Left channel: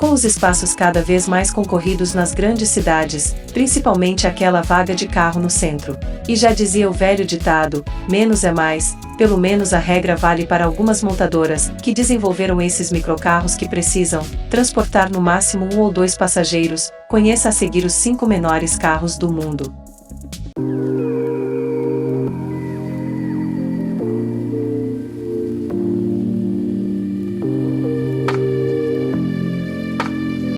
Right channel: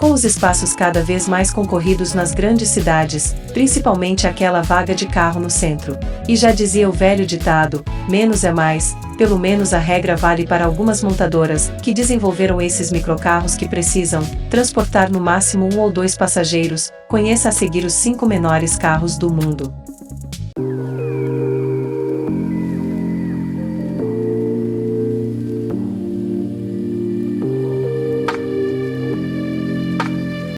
Com os espaços cada vez mais concorridos nas grandes cidades, principalmente aquela vaga de carro no centro. E já dizia o velho ditado, menos é mais, pelo menos a regra vale para algumas montadoras, que desenvolveram esses microcarros que precisam transportar no máximo 1 ou 2 passageiros. Conheça a seguir os 5 menores carros do mundo.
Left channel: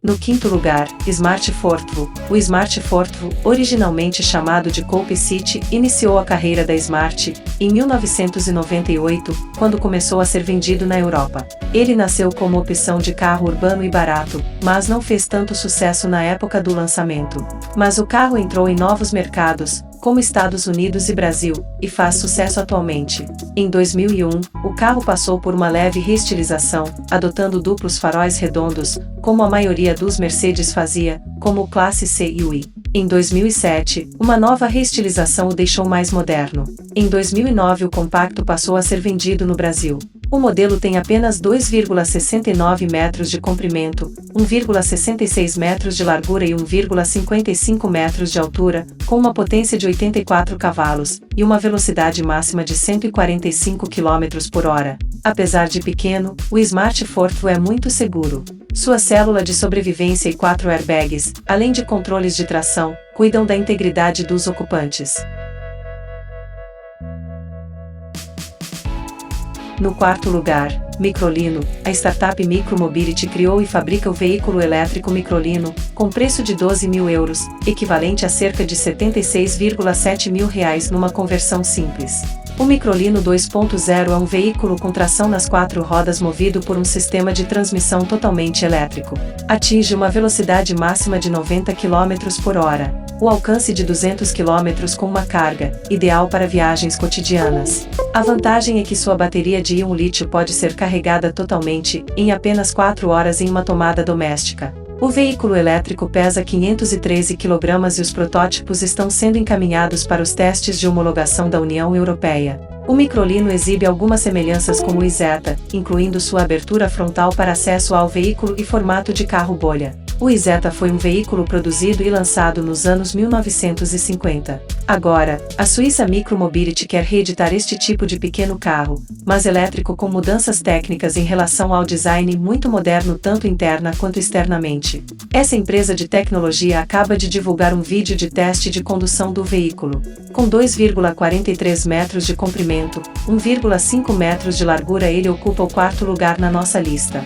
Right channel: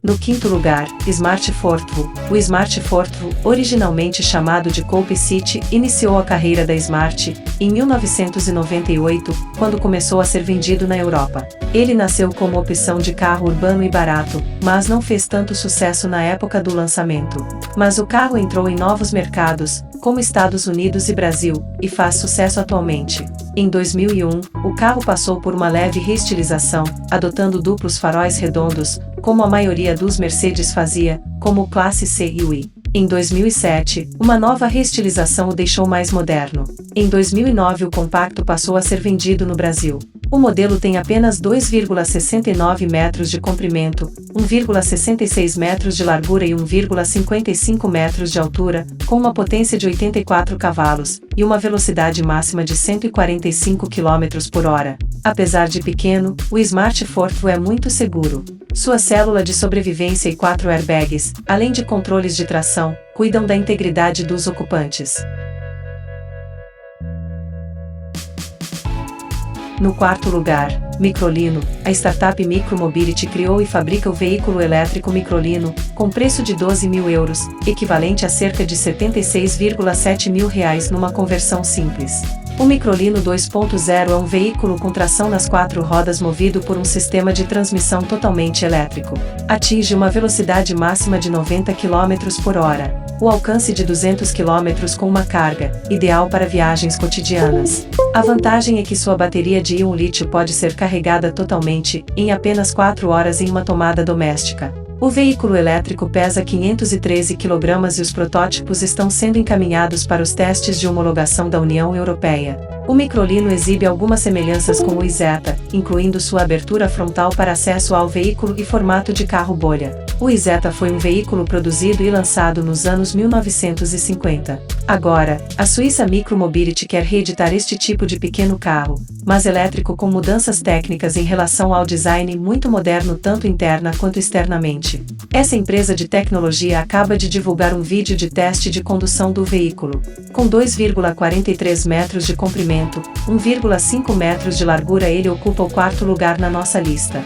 No quinto lugar, Smart Fortwo. O Smart Fortwo, originalmente chamado de Coupe City, iniciou a carreira da Smart em 1998, quando começou a ser vendido na Europa. Ele nasceu como opção de carro urbano e barato, mas não fez tanto sucesso na época do lançamento. Mas o carro entrou em novos mercados, como Estados Unidos e Brasil, e faz sucesso atualmente. Em 2001, o carro passou por uma leve reestilização, adotando duplos faróis redondos, como a maioria dos Mercedes fazia, como o Classe C e o I. Em 2007, uma nova reestilização o deixou mais moderno. Em 2009 o compacto passou a ser vendido no Brasil. O modelo tem apenas 2,69 metros de comprimento, 1,66 metros de largura e 1,55 metros de altura, com uma potência de 84 cavalos, e uma velocidade máxima de 145 km por hora. Apesar de pequeno, o Smart Fortwo é muito seguro. Sua célula de sobrevivência e 4 airbags, além de controles de tração, cuidam da integridade dos ocupantes. No quarto lugar, Microlino. A startup Micromobility criou e fabrica o veículo elétrico Microlino, com preço de 12 mil euros, equivalente a cerca de 76,7 mil reais numa conversão simples. O Microlino 2.0 é um veículo com tração nas 4 rodas movido por um sistema de transmissão totalmente elétrico. Atinge uma velocidade máxima de 90 km por hora. O alcance de 200 km com uma carga, ideal para viagens cotidianas. A vantagem é que sua bateria de íon lítio pode ser carregada totalmente, em apenas 4 horas em uma tomada doméstica. O veículo elétrico pesa 513 kg e os protótipos estão sendo encaminhados para os testes de homologação da União Europeia. O Microlino exibe algumas semelhanças com o Isetta, incluindo sua abertura frontal para acesso ao veículo e formato de carro bolha. O Isetta foi um veículo produzido e lançado nos anos 1950. Agora, a Suíça Micromobility quer reeditar este tipo de pequeno carro, mas elétrico com mudanças técnicas em relação ao design muito moderno tanto interna quanto externamente. Essa empresa de tecnologia acaba de divulgar um vídeo de teste de condução do veículo. Com 2,43 metros de comprimento, 1,5 metros de largura, ele ocupa o 4º lugar na nossa lista.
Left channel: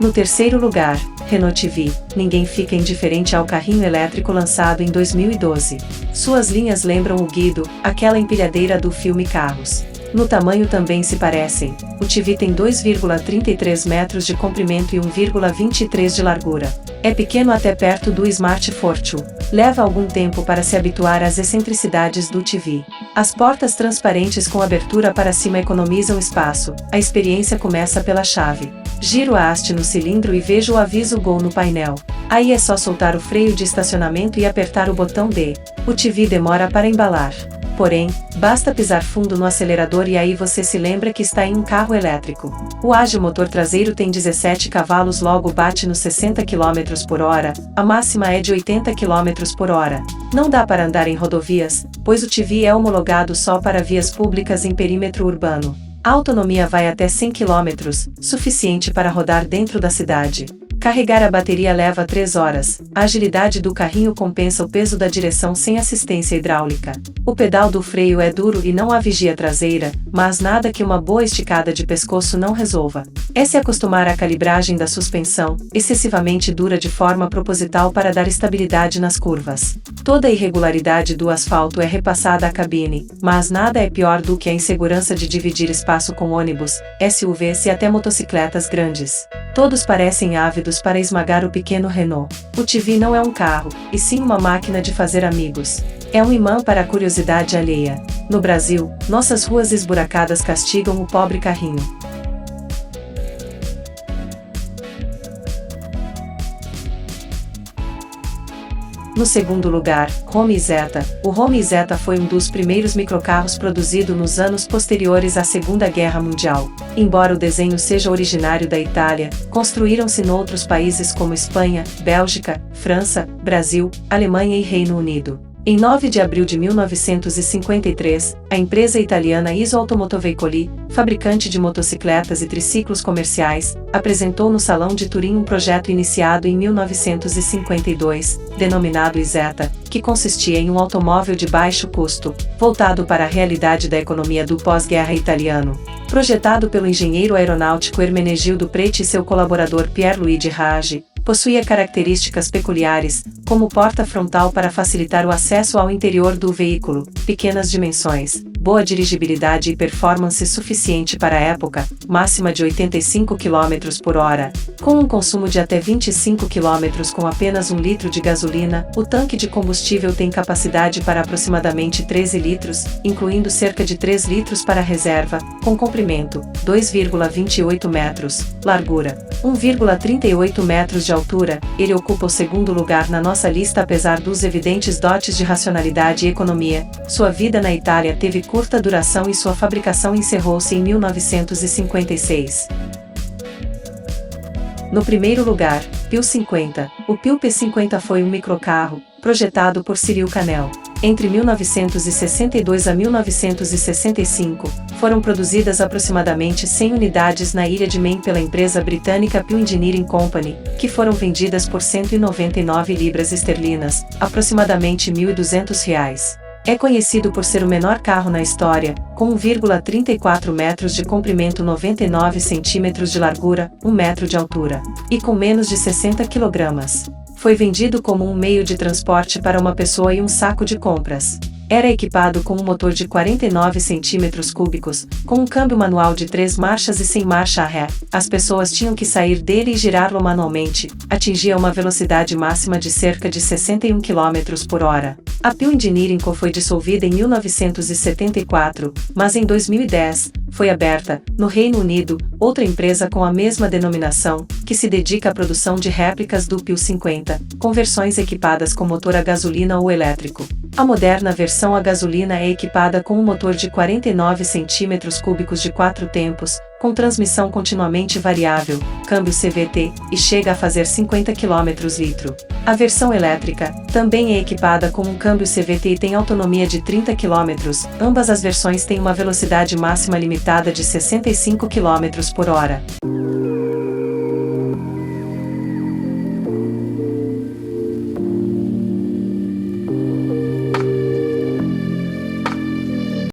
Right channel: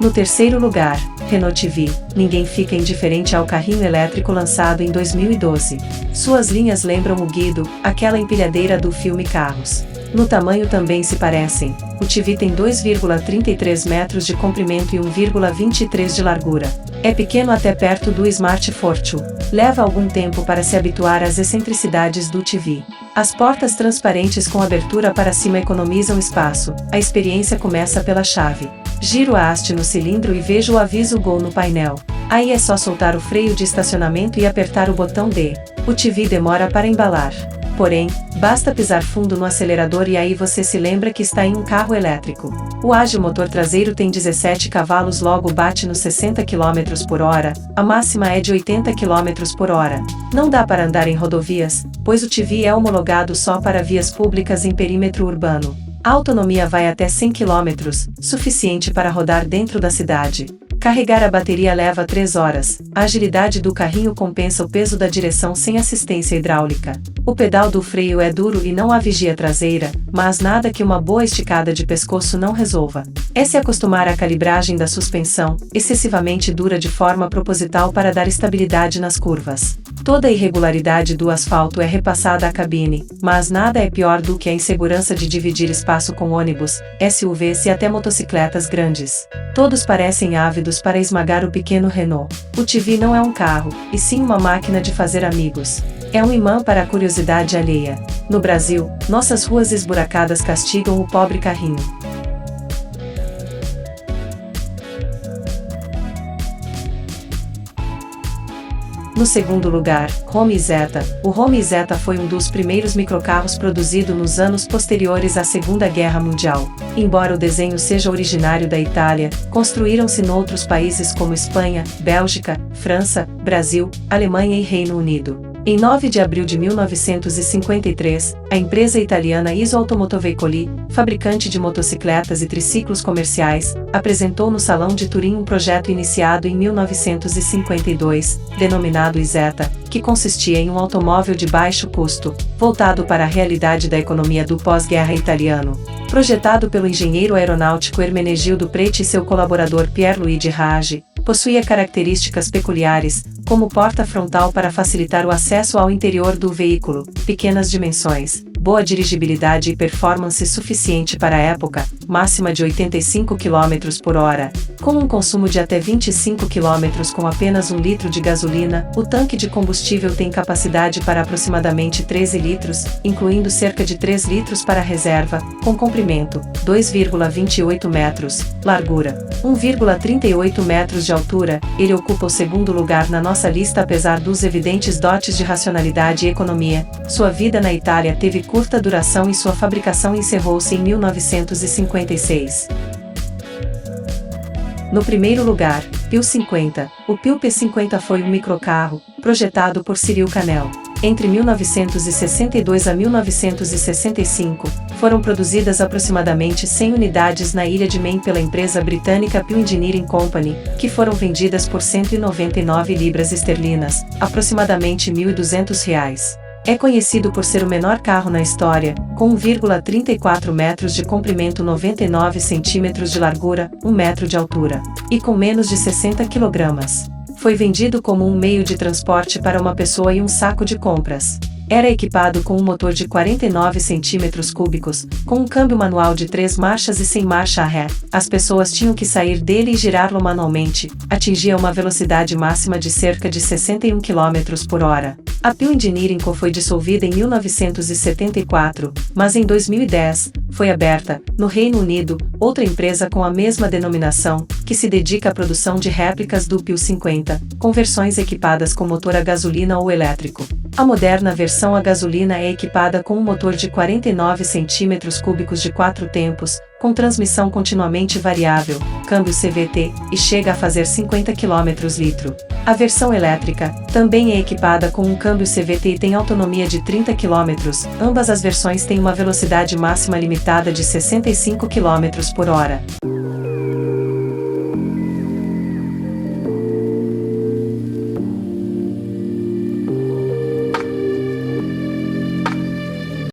No terceiro lugar, Renault TV. Ninguém fica indiferente ao carrinho elétrico lançado em 2012. Suas linhas lembram o Guido, aquela empilhadeira do filme Carros. No tamanho também se parecem. O TV tem 2,33 metros de comprimento e 1,23 de largura. É pequeno até perto do Smart Fortwo. Leva algum tempo para se habituar às excentricidades do TV. As portas transparentes com abertura para cima economizam espaço. A experiência começa pela chave. Giro a haste no cilindro e vejo o aviso Go no painel. Aí é só soltar o freio de estacionamento e apertar o botão D. O TV demora para embalar. Porém, basta pisar fundo no acelerador e aí você se lembra que está em um carro elétrico. O ágil motor traseiro tem 17 cavalos, logo bate nos 60 km por hora, a máxima é de 80 km por hora. Não dá para andar em rodovias, pois o TV é homologado só para vias públicas em perímetro urbano. A autonomia vai até 100 km, suficiente para rodar dentro da cidade. Carregar a bateria leva 3 horas. A agilidade do carrinho compensa o peso da direção sem assistência hidráulica. O pedal do freio é duro e não há vigia traseira, mas nada que uma boa esticada de pescoço não resolva. É se acostumar à calibragem da suspensão, excessivamente dura de forma proposital para dar estabilidade nas curvas. Toda a irregularidade do asfalto é repassada à cabine, mas nada é pior do que a insegurança de dividir espaço com ônibus, SUVs e até motocicletas grandes. Todos parecem ávidos para esmagar o pequeno Renault. O TV não é um carro, e sim uma máquina de fazer amigos. É um imã para a curiosidade alheia. No Brasil, nossas ruas esburacadas castigam o pobre carrinho. No segundo lugar, Home Isetta. O Home Isetta foi um dos primeiros microcarros produzido nos anos posteriores à Segunda Guerra Mundial. Embora o desenho seja originário da Itália, construíram-se noutros países como Espanha, Bélgica, França, Brasil, Alemanha e Reino Unido. Em 9 de abril de 1953, a empresa italiana Iso Automotoveicoli, fabricante de motocicletas e triciclos comerciais, apresentou no Salão de Turim um projeto iniciado em 1952, denominado Isetta, que consistia em um automóvel de baixo custo, voltado para a realidade da economia do pós-guerra italiano. Projetado pelo engenheiro aeronáutico Ermenegildo Preti e seu colaborador Pierluigi Raggi, possuía características peculiares, como porta frontal para facilitar o acesso ao interior do veículo, pequenas dimensões, boa dirigibilidade e performance suficiente para a época, máxima de 85 km por hora. Com um consumo de até 25 km com apenas 1 litro de gasolina, o tanque de combustível tem capacidade para aproximadamente 13 litros, incluindo cerca de 3 litros para reserva, com comprimento, 2,28 metros, largura, 1,38 metros de altura. Ele ocupa o segundo lugar na nossa lista apesar dos evidentes dotes de racionalidade e economia. Sua vida na Itália teve curta duração e sua fabricação encerrou-se em 1956. No primeiro lugar, Peugeot 50. O Peugeot P50 foi um microcarro, projetado por Cyril Canel. Entre 1962 a 1965, foram produzidas aproximadamente 100 unidades na ilha de Man pela empresa britânica Peugeot Engineering Company, que foram vendidas por 199 libras esterlinas, aproximadamente R$ 1.200. É conhecido por ser o menor carro na história, com 1,34 metros de comprimento, 99 centímetros de largura, 1 metro de altura, e com menos de 60 kg. Foi vendido como um meio de transporte para uma pessoa e um saco de compras. Era equipado com um motor de 49 centímetros cúbicos, com um câmbio manual de 3 marchas e sem marcha ré. As pessoas tinham que sair dele e girá-lo manualmente. Atingia uma velocidade máxima de cerca de 61 km por hora. A Peugeot Engineering Co. foi dissolvida em 1974, mas em 2010, foi aberta, no Reino Unido, outra empresa com a mesma denominação, que se dedica à produção de réplicas do Peugeot 50, com versões equipadas com motor a gasolina ou elétrico. A moderna versão a gasolina é equipada com um motor de 49 centímetros cúbicos de 4 tempos, com transmissão continuamente variável, câmbio CVT, e chega a fazer 50 km/litro. A versão elétrica também é equipada com um câmbio CVT e tem autonomia de 30 km. Ambas as versões têm uma velocidade máxima limitada de 65 km por hora.